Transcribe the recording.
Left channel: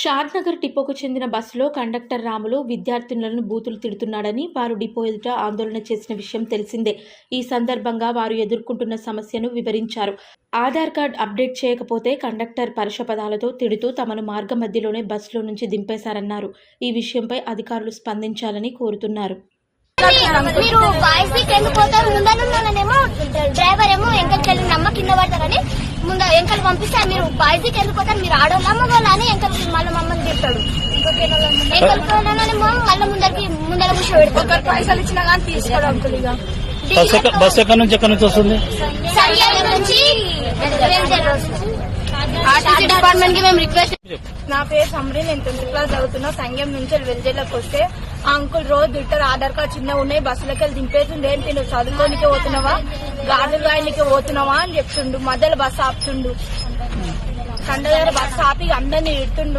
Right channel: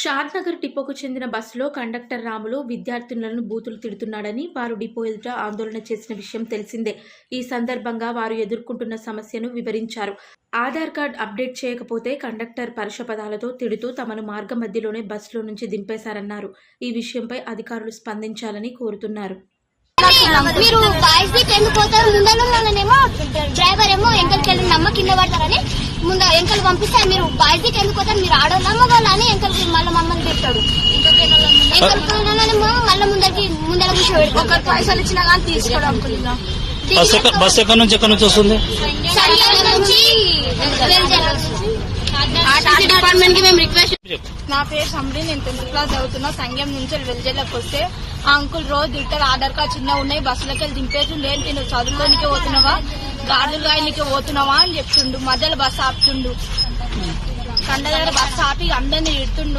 షాద్నగర్ డిపోకు చెందిన బస్సులో కండక్టర్ రాములు విద్యార్థినులను బూతులు తిడుతున్నాడని వారు డిపో ఎదుట ఆందోళన చేసిన విషయం తెలిసిందే. ఈ సందర్భంగా వారు ఎదుర్కొంటున్న సమస్యను వివరించారు. ఆధార్ కార్డ్ అప్డేట్ చేయకపోతే కండక్టర్ పరుష పదాలతో తిడుతూ తమను మార్గ మధ్యలోనే బస్సులో నుంచి దింపేశారన్నారు. ఈ విషయంపై అధికారులు స్పందించాలని కోరుతున్నారు. మీరు బాయ్స్ కి ఎందుకు పోతారు? ముందనేమో డ్రైవర్ ఏమో ఎంకలకెళ్ళి నమ్మ కింద పడతారని ముందు ఎంకలు పంపిస్తారు. మీరు బాయ్స్ కి ఎందుకు పోతారు? మీరు ఆడోళ్ళమ్మ వాళ్ళ అని ఎంకలకి మళ్ళీ మమ్మల్ని తిట్టాడు. ఎంకలకేమో మళ్ళీ ముందర కూర్చో పెడతారు. పైసలు ఇచ్చినా కానీ తీసుకురా. బస్ ఎక్కడి నుంచి వస్తుంది? నా పేరు సమరి, నేను 10th క్లాస్ చదువుతున్నా. సంఘం నుంచి వెల్జేలకు వస్తే ఆ అంకుల్ రోజు తింటారు. ఆధార్ కార్డ్ చిన్న ఉన్నాయి, బస్సులకి వెళ్ళి దింపేసిండు. ఏంటి నువ్వు చదువుకోనికే పోతున్నావా, గాడులు గాయనికే పోతున్నావా అని చెప్తుండు. మధ్యలో బస్సు ఆపుతుండు, కండ దగ్గర బస్సు ఆపి అందరినీ ఇడుతుండు.